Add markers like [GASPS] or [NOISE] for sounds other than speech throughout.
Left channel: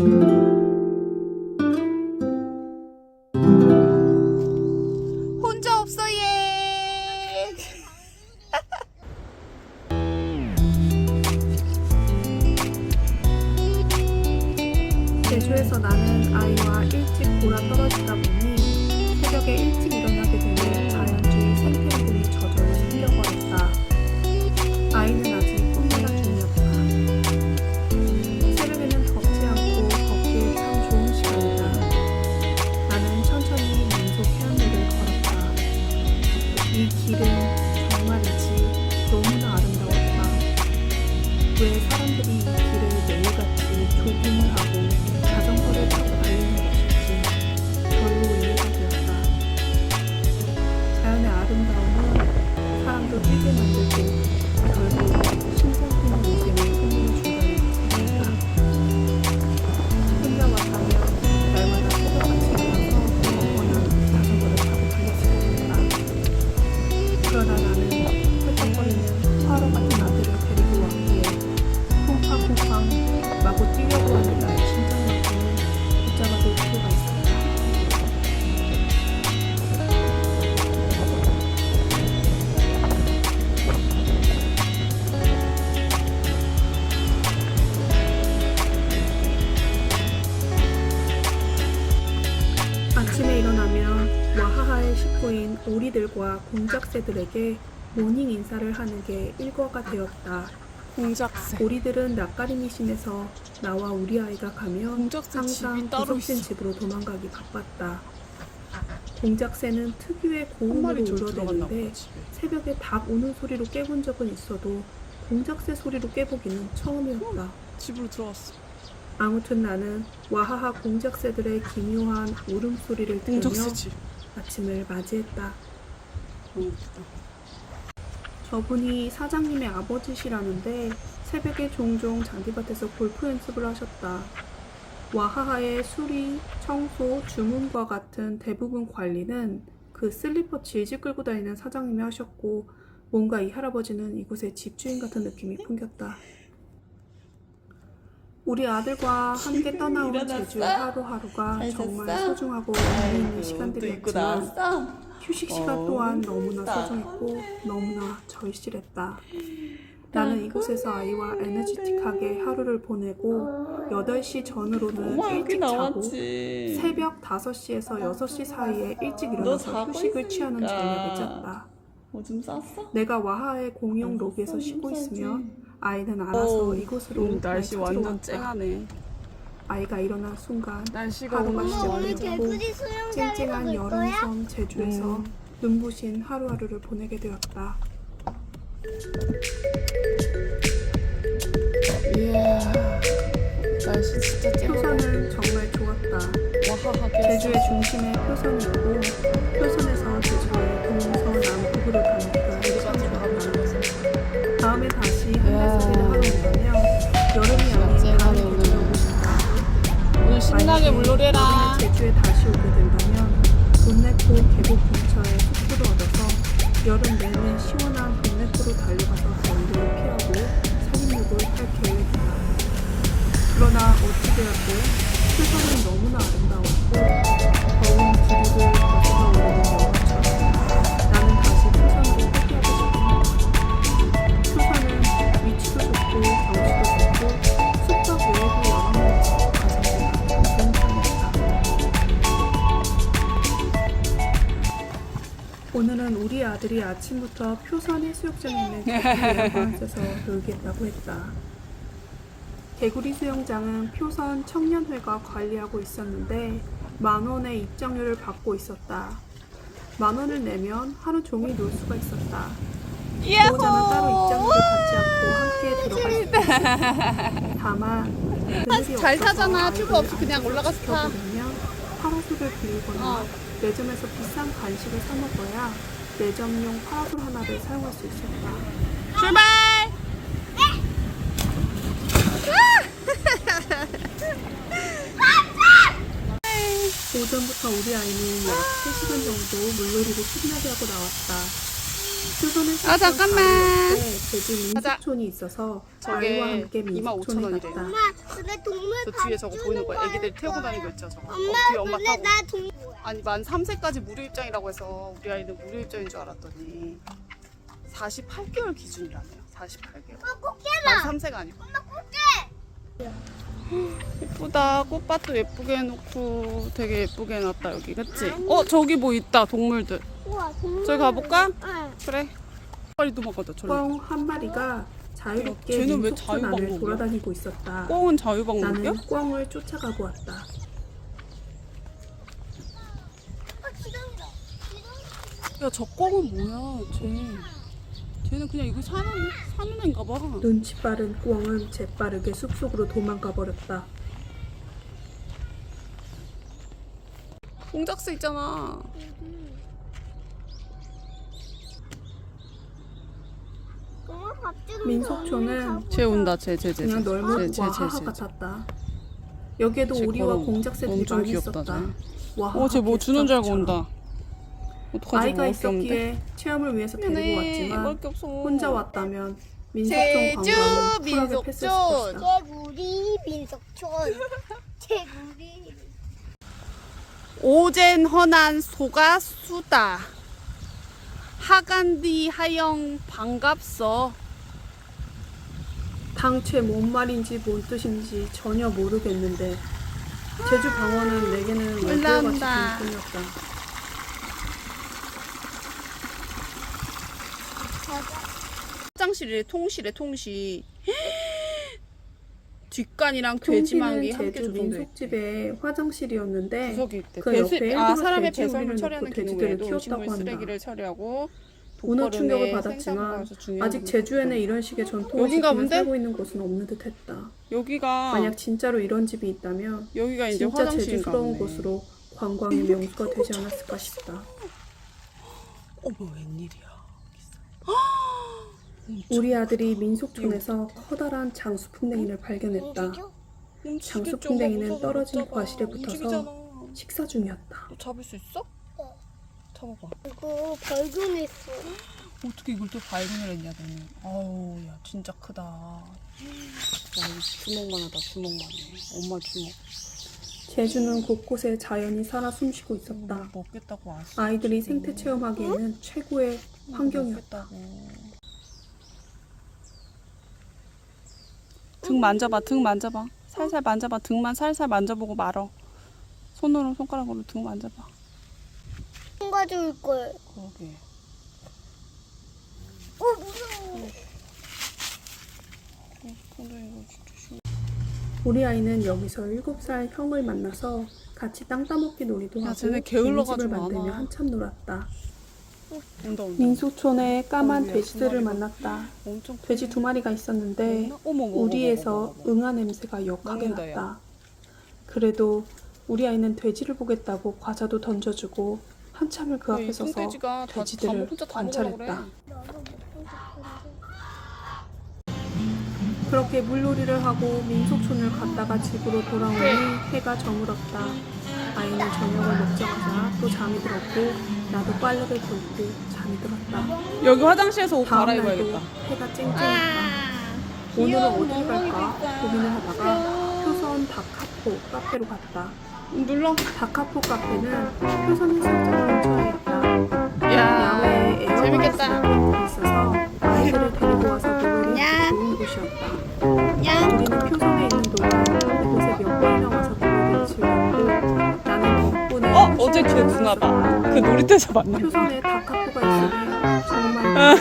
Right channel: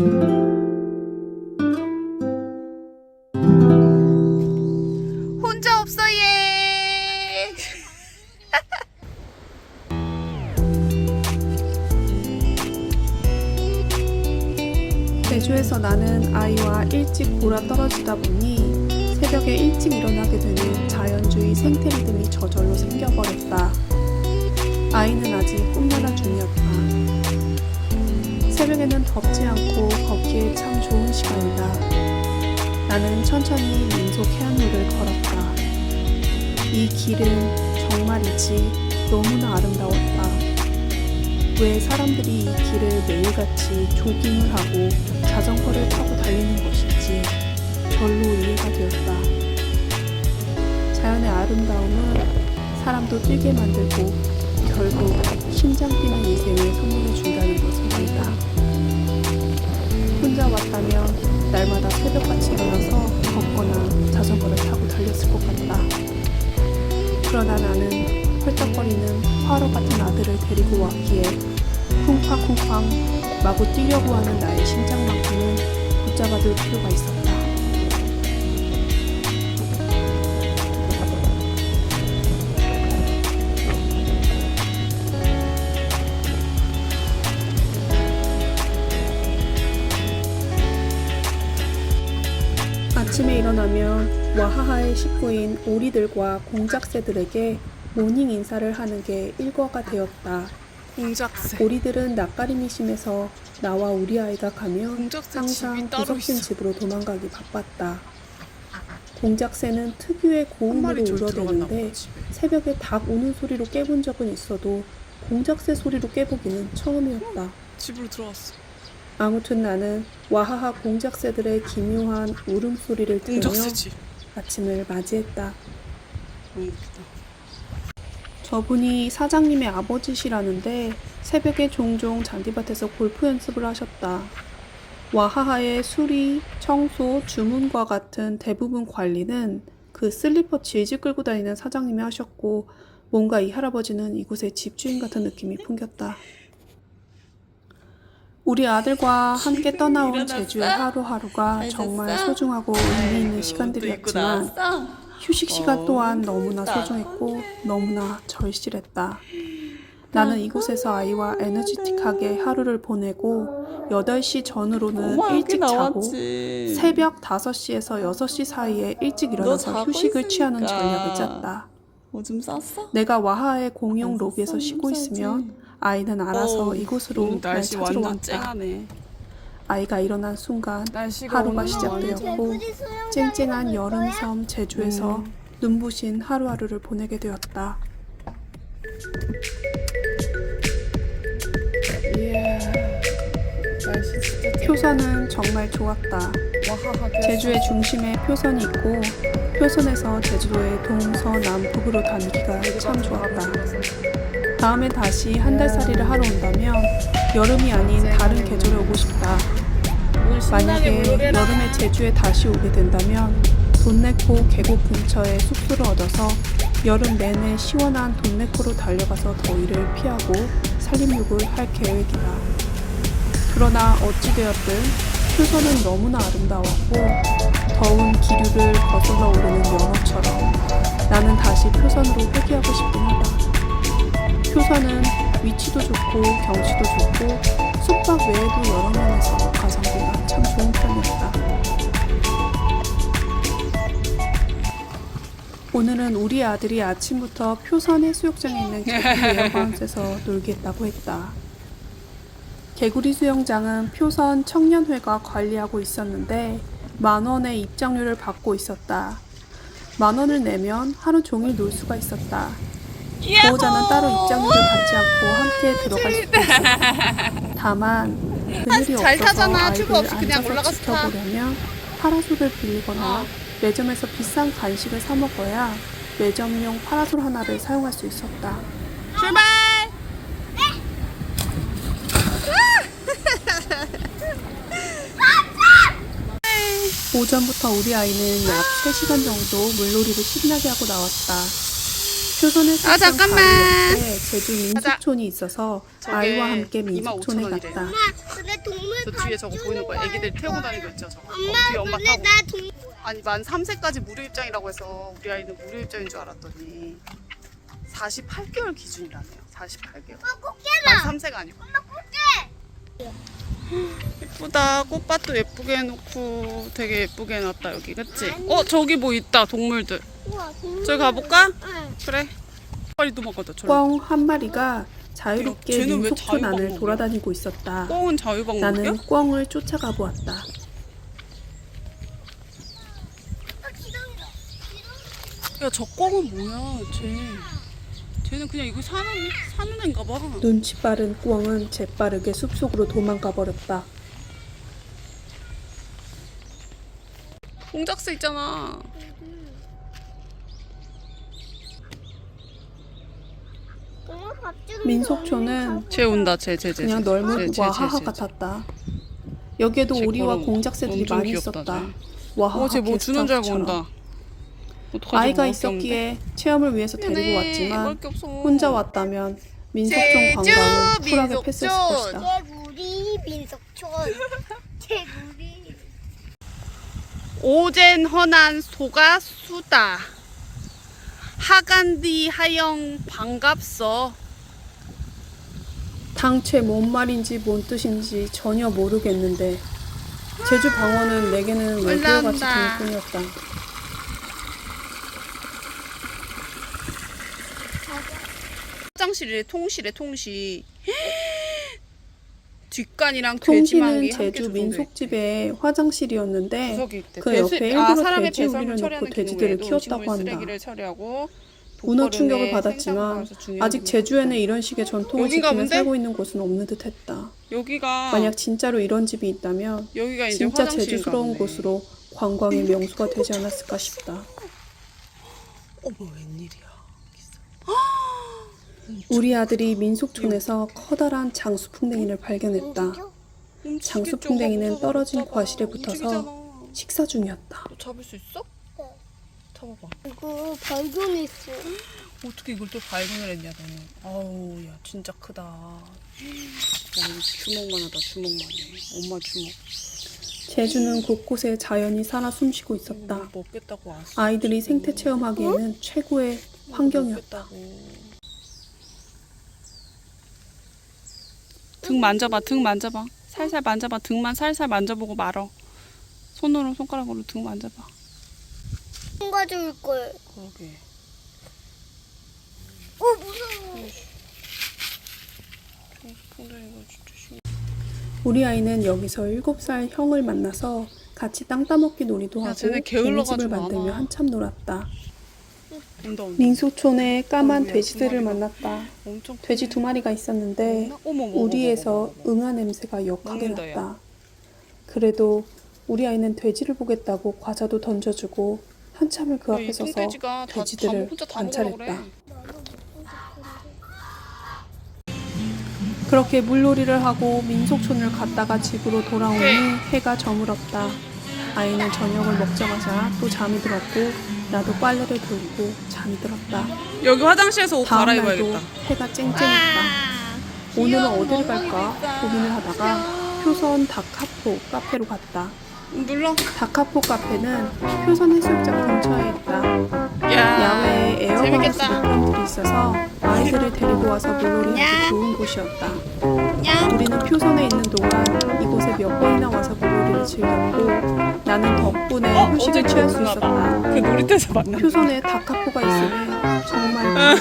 혼자 와하하의 식구인 오리들과 공작새들에게 모닝 인사를 하는 게 일과가 되었다. 공작새. 오리들은 낯가림이 심해서 나와 우리 아이가 가면 공작새 항상 집이 따로 구석진 있어. 집으로 도망가기 바빴다. 공작새는 특유의 한 고음으로 들어갔나 울어대는데 집에. 새벽에 닭 우는 소리로 깨본 적은 있어도 공작새 소리로 깨보기는 처음이었다. 집으로 들어왔어. 아무튼 나는 와하하 공작새들의 기묘한 울음소리를 들으며 공작새 집. 아침을 맞이했다. 웃기다. 저분이 사장님의 아버지시라는데 새벽에 종종 잔디밭에서 골프 연습을 하셨다. 와하하의 수리, 청소, 주문과 같은 대부분 관리는 그 슬리퍼 질질 끌고 다니는 사장님이 하셨고 뭔가 이 할아버지는 이곳의 집주인 같은 느낌이 풍겼다. 우리 아들과 함께 떠나온 일어났어? 제주의 하루하루가 잘 정말 잤어? 소중하고 의미 있는 시간들이었지만. 휴식 시간 어, 또한 너무나. 소중했고 너무나 절실했다. 나는 이곳에서 아이와 에너지틱하게 하루를 보내고 8시 전후로는 엄마 여기 일찍 자고 나왔지. 새벽 5시에서 6시 사이에 일찍 일어나서 자고 휴식을 취하는 있으니까. 전략을 짰다. 오줌 쌌어? 내가 와하의 공용 안 로비에서 쉬고. 있으면 아이는 알아서 어, 이곳으로 오늘 날 날씨 찾으러 완전 왔다. 쨍하네. 아이가 일어난 순간 날씨가 하루가 오늘 시작되었고 완전 쨍쨍한 여름 섬 제주에서 음. 눈부신 하루하루를 보내게 되었다. 이야. 날씨 진짜 쨍. 표선은 정말 좋았다. 와하하게. 제주의 중심에 표선이 있고 표선에서 제주의 여름에 제주에 다시 오게 된다면 돈네코 계곡 근처에 숙소를 얻어서 여름 내내 시원한 돈네코로 달려가서 더위를 피하고 살림욕을 할 계획이다. 그러나 어찌되었든 표선은 너무나 아름다웠고 더운 기류를 거슬러 오르는 영화 오늘은 우리 아들이 아침부터 표선 해수욕장에 있는 개구리 에어바운스에서 [LAUGHS] 놀겠다고 했다. 개구리 수영장은 표선 청년회가 관리하고 있었는데 만 원의 입장료를 받고 있었다. 만 원을 내면 하루 종일 놀 수가 있었다. 보호자는 따로 입장료를 받지 않고 함께 들어갈 수도 있었다. 다만 잘 타잖아. 튜브 없이 그냥 올라가서 타. 파라솔을 빌리거나 어. 매점에서 비싼 간식을 사 먹어야 매점용 파라솔 하나를 사용할 수 있었다. 출발. 오전부터 우리 아이는 약 3시간 정도 물놀이를 신나게 하고 나왔다. 표선에 아, 잠깐만. 제주. 민속촌이 있어서 저게 아이와 함께 25,000 민속촌에 원이래요. 갔다. 근데 동물 저 뒤에 저거 보이는 거야. 애기들 태우고 다니고 있죠, 저거. 어, 엄마 뒤에 엄마 근데 타고. 나 동... 아니 만 3세까지 무료 입장이라고 해서 우리 아이는 무료 입장인 줄 알았더니 48개월 기준이라네요. 48개월. 꽃게다 만 3세가 아니고. 예쁘다. 꽃밭도 예쁘게 해놓고 되게 예쁘게 해놨다 여기, 그치? 어 저기 뭐 있다 동물들. 우와 동물 저기 가볼까? 응. 그래. 빨리 도망가자. 저리. 꽝한 마리가 자유롭게 쟤는 왜 민속촌 안을 자유방법이야? 돌아다니고 있었다. 꽁은 자유방목이야? 나는 꽝을 쫓아가 보았다. 아 기둥이다 기둥 야 저 꽁은 뭐야? 쟤. 쟤는 그냥 이거 사는 사는 애인가 봐. 눈치 빠른 꽝은 재빠르게 숲속으로 도망가 버렸다. 공작새 있잖아. 민속촌은 쟤 온다. 쟤 쟤 쟤. 그냥 쟤. 널물 쟤, 보아 쟤, 하하 쟤, 쟤. 같았다. 여기에도 쟤 오리와. 공작새들이 엄청 많이 귀엽다, 있었다. 쟤. 와하하 어, 쟤뭐 주는 줄 알고. 온다. 어떡하지? 아이가 없는데? 있었기에 체험을 위해서 데리고 미안해. 왔지만. 혼자 왔다면 민속촌 관광은 쿨하게. 패스했을 것이다. 개구리 민속촌 개구리 오젠 허난 소가 수다. 하간디 하영 반갑소. 당최 뭔 말인지 뭔 뜻인지 전혀 모르겠는데 제주 방언은 내게는 외계어 같이 올라온다. 들릴 뿐이었다. 화장실에 통실에 통시. [GASPS] 뒷간이랑 돼지망기 통기는 함께 조성돼 있대. 민속집의 화장실이었는데 구석이 있대. 그 배수, 옆에 아 일부러 사람의 돼지 배설물 우리를 처리하는 넣고 기능 돼지들을 외에도 키웠다고 음식물 한다. 쓰레기를 처리하고 문어 독거름의 충격을 받았지만 중요한 아직 기능을 제주에는. 이런 식의 전통을 여긴가 지키며 본데? 살고 있는 곳은 없는 듯했다. 여기가 만약 진짜로 이런 집이 있다면 여기가 이제 진짜 화장실인가 제주스러운 보네. 곳으로 관광의 명소가 되지 않았을까 싶다. 어머 웬일이야. [GASPS] 우리 아들이 민속촌에서 커다란 장수풍뎅이를 발견했다. 장수풍뎅이는 떨어진. 과실에 붙어서. 식사 중이었다. 너 잡을 수 있어? 잡아봐. 이거 발견했어 어떻게 이걸 또 발견을 했냐 너는. 아우 야 진짜 크다. 야 이거 주먹만 하다 주먹만 해. 엄마 주먹. 제주는 곳곳에 자연이 살아 숨쉬고 뭘 있었다. 먹겠다고 왔어. 아이들이 생태 체험하기에는 최고의 환경이었다. 먹겠다고. 등 만져봐 등 만져봐. 살살 만져봐. 등만 살살 만져보고 말어. 손으로 손가락으로 등 만져봐. 가져올 걸. 그러게. 어 무서워. 풍뎅이가 진짜 심 우리 아이는 여기서 7살 형을 만나서 같이 땅 따먹기 놀이도 야, 하고 쟤네 게을러가지고 개미집을 안 만들며 와. 한참 놀았다. 온다 온다 민속촌에 까만 어이구야, 돼지들을 두 마리가. 만났다. 엄청 크네. 돼지 두 마리가 있었는데 어머, 어머, 어머, 우리에서 어머, 어머, 어머. 응아 냄새가 역하게 먹는다, 야. 났다. 그래도 우리 아이는 돼지를 보겠다고 과자도 던져주고 한참을 그 야, 앞에 이 서서 뚱돼지가 다, 다 돼지들을 먹- 혼자 다 먹으려고 그래 관찰했다. 그렇게 물놀이를 하고 민속촌을 갔다가 집으로 돌아오니 네. 해가 저물었다. 아이는 저녁을 먹자마자 또 잠이 들었고 나도 빨래를 돌고 잠이 들었다. 여기 화장실에서 옷 갈아입어야겠다 해가 쨍쨍했다. 오늘은 어딜 갈까 고민을 하다가 표선 다카포 카페로 갔다. 눌러 다카포 카페는 표선 해수욕장 근처에 있다. 야 야외에 에어컨 있어서 아이들을 데리고 와서 놀러리하기 좋은 곳이었다. 놀이터에서 만났 표선에 다카포가 있으니 정말.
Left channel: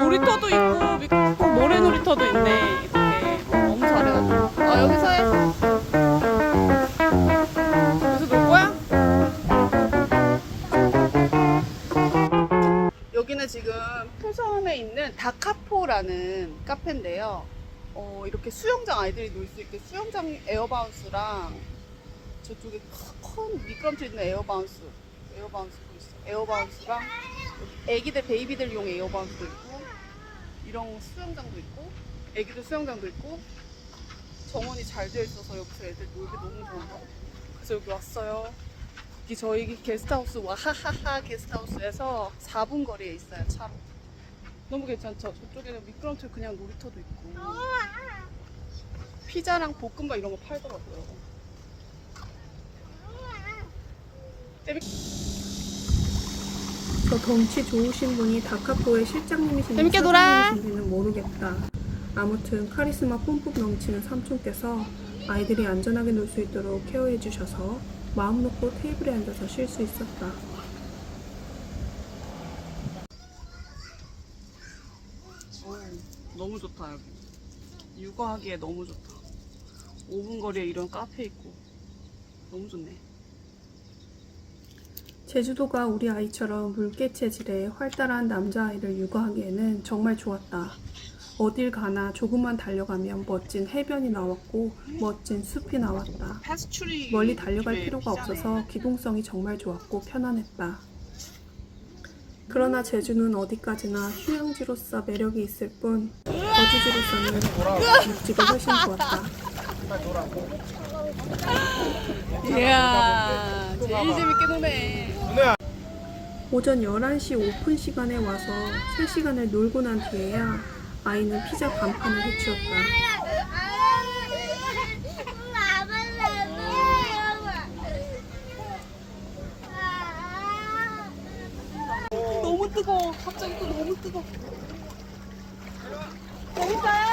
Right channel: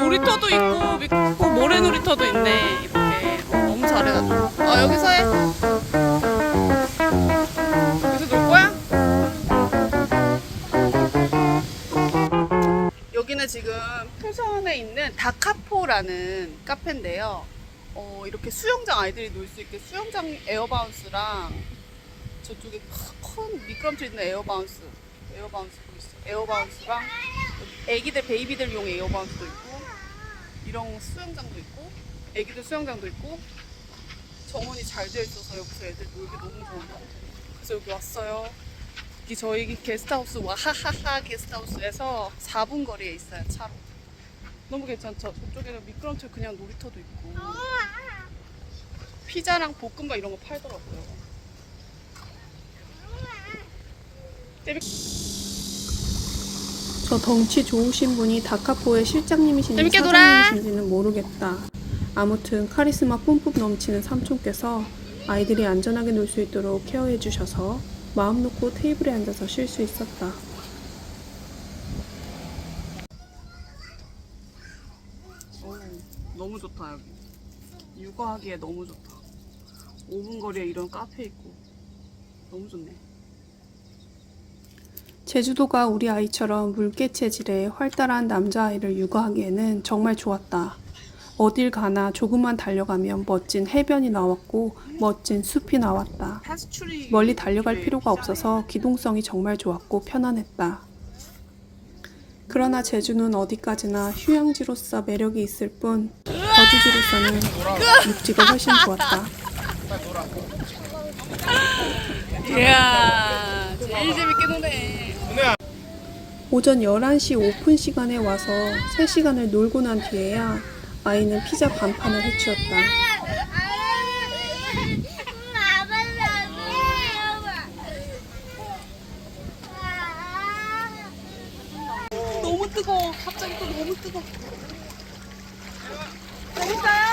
놀이터도 있고 있고 모래 놀이터도 있네 이렇게. 어, 너무 잘해가지고. 아 여기서 해. 여기서 놀 거야? 여기는 지금 표선에 있는 다카포라는 카페인데요. 어, 이렇게 수영장 아이들이 놀 수 있게 수영장 에어바운스랑 저쪽에 큰 미끄럼틀 있는 에어바운스 에어바운스 그거 있어 에어바운스랑 여기 애기들 베이비들용 에어바운스도 있고 이런 수영장도 있고 애기들 수영장도 있고 정원이 잘 되어 있어서 여기서 애들 놀기 너무 좋은 것 같아요. 그래서 여기 왔어요. 이 저희 게스트하우스 와하하하 게스트하우스에서 4분 거리에 있어요 차로. 너무 괜찮죠? 저쪽에는 미끄럼틀 그냥 놀이터도 있고 피자랑 볶음밥 이런 거 팔더라고요. 재밌... 저 덩치 좋으신 분이 다카포의 실장님이신지 재밌게 놀아. 사장님이신지는 모르겠다. 아무튼 카리스마 뿜뿜 넘치는 삼촌께서 아이들이 안전하게 놀 수 있도록 케어해 주셔서 마음 놓고 테이블에 앉아서 쉴 수 있었다. 오, 너무 좋다 여기. 육아하기에 너무 좋다. 5분 거리에 이런 카페 있고 너무 좋네. 제주도가 우리 아이처럼 물개 체질의 활달한 남자아이를 육아하기에는 정말 좋았다. 어딜 가나 조금만 달려가면 멋진 해변이 나왔고 멋진 숲이 나왔다. 멀리 달려갈 필요가 없어서 기동성이 정말 좋았고 편안했다. 그러나 제주는 어디까지나 휴양지로서 매력이 있을 뿐 거주지로서는 육지가 훨씬 좋았다. 이야 제일 재밌게 노네. 오전 11시 오픈 시간에 와서 3시간을 놀고 난 뒤에야 아이는 피자 반판을 해치웠다. 너무 뜨거워. 갑자기 또 너무 뜨거워. 재밌어요?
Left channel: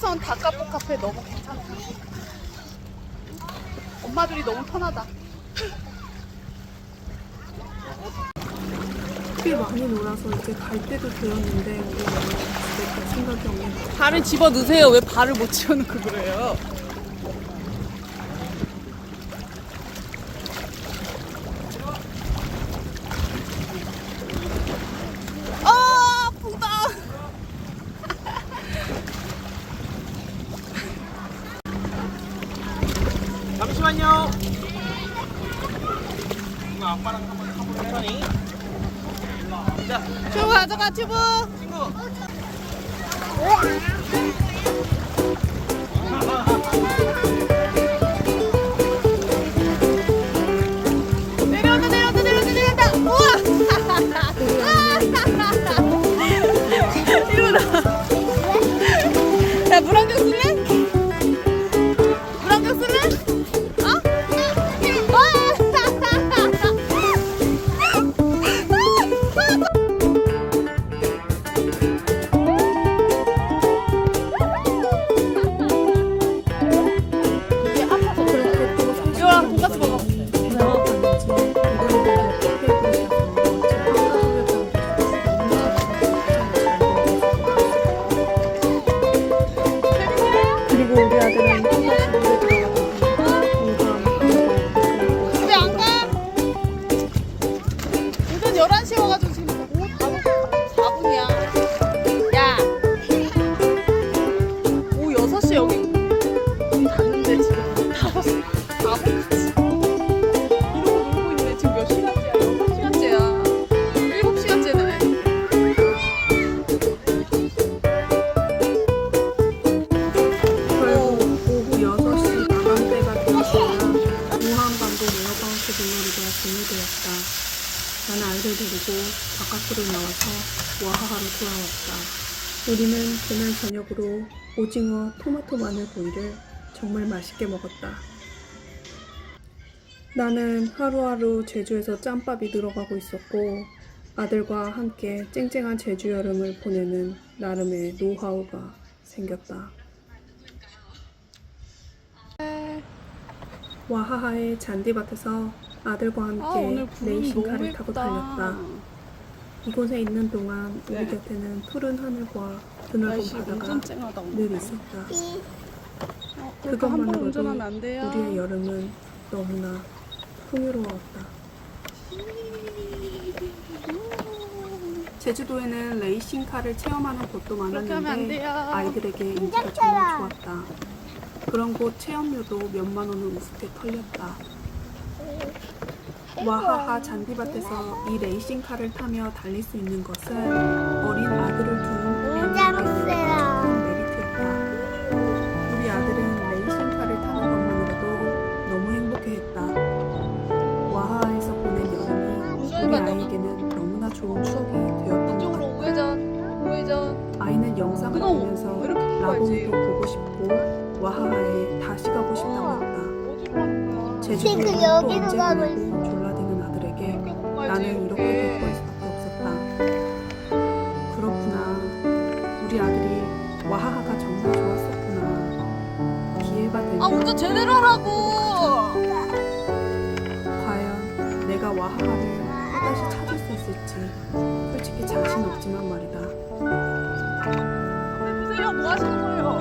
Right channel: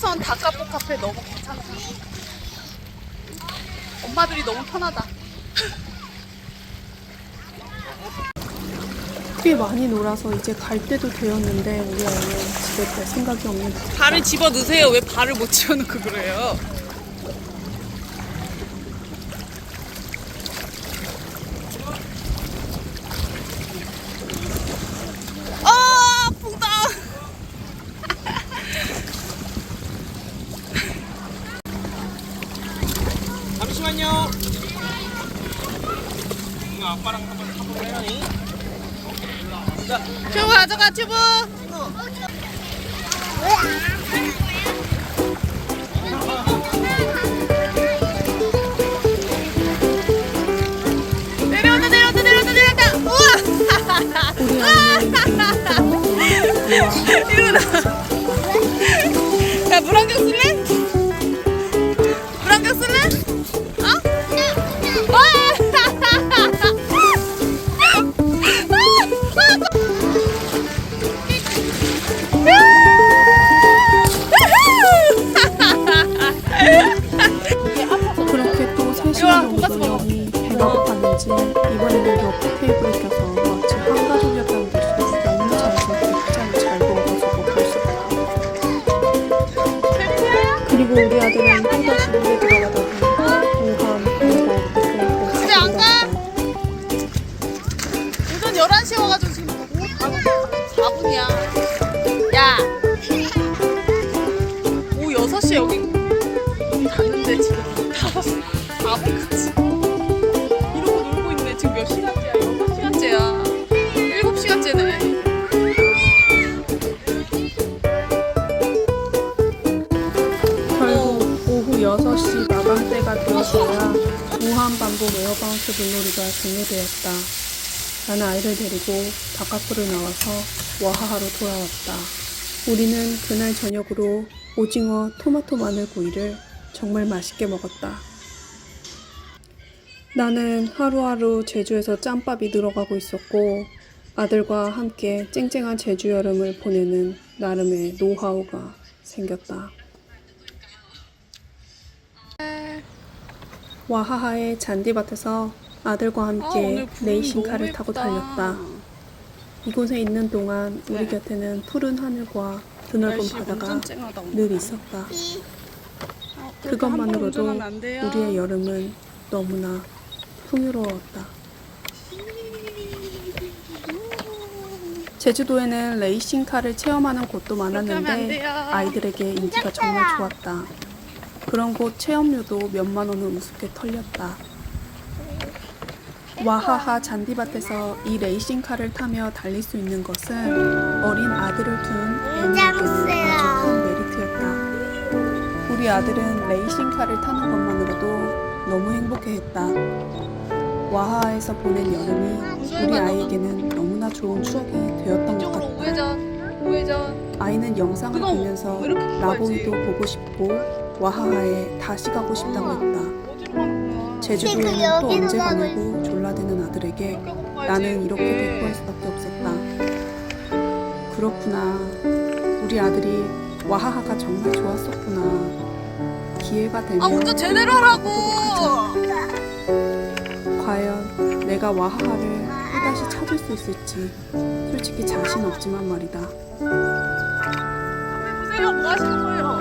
효선 다카포 카페 너무 괜찮다. 엄마들이 너무 편하다. 꽤 많이 놀아서 이제 갈 때도 되었는데 우리 아이는 집에 갈 생각이 없는 발을 집어 넣으세요. 왜 발을 못 집어 넣고 그래요? 아, 아프다. 잠시만요. 이거 아빠랑 한번 타보는 사람이. 튜브 가져가, 튜브. 바깥으로 나와서 와하하로 돌아왔다. 우리는 그날 저녁으로 오징어 토마토 마늘 구이를 정말 맛있게 먹었다. 나는 하루하루 제주에서 짬밥이 늘어가고 있었고 아들과 함께 쨍쨍한 제주 여름을 보내는 나름의 노하우가 생겼다. 와하하의 잔디밭에서 아들과 함께 아, 레이싱카를 타고. 달렸다. 이곳에 있는 동안 우리 네. 곁에는 푸른 하늘과 드넓은 날씨 바다가 완전 쨍하다 오늘. 늘 있었다. 어, 그렇게 한번 그것만으로도 운전하면 안 돼요. 우리의 여름은 너무나 풍요로웠다. 제주도에는 레이싱카를 체험하는 곳도 그렇게 하면 안 많았는데 돼요. 아이들에게 인기가 정말 좋았다. 그런 곳 체험료도 몇만 원을 우습게 털렸다. 와하하 잔디밭에서 이 레이싱카를 타며 달릴 수 있는 것은 어린 아들을 둔 애니에게는 아주 큰 메리트였다. 우리 아들은 레이싱카를 타는 것만으로도 너무 행복해했다. 와하하에서 보낸 여름이 우리 아이에게는 너무나 좋은 추억이 되었던 것 같다. 우회전. 우회전. 아이는 영상을 그거 보면서 이렇게. 라봉이도 보고 싶고 와하하에 다시 가고 싶다고 했다. 어디로 가는 거야? 제주도에는 지금 또 언제 가냐고 졸라대는 아들에게. 나는 이렇게 대꾸할 수밖에 없었다. 그렇구나. 우리 아들이 와하하가 정말 좋았었구나. 기회가 되면 아 운전 제대로 하라고. 과연 내가 와하하를 또다시 찾을 수 있을지 솔직히 자신 없지만 말이다. 앞에 보세요. 뭐 하시는 거예요?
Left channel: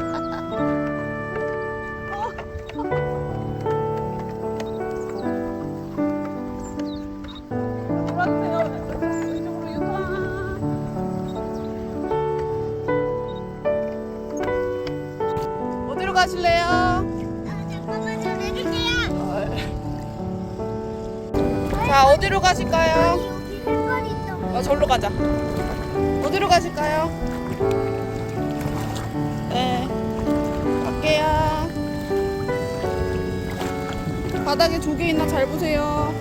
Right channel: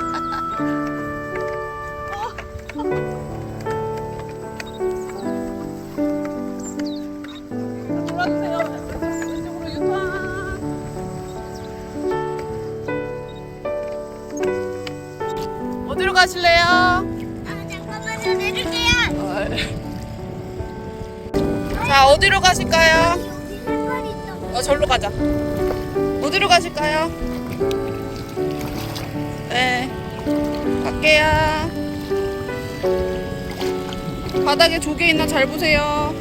[LAUGHS] 자, 어디로 가실까요? 어, 절로 가자. 어디로 가실까요? 네. 갈게요. 바닥에 조개 있나 잘 보세요.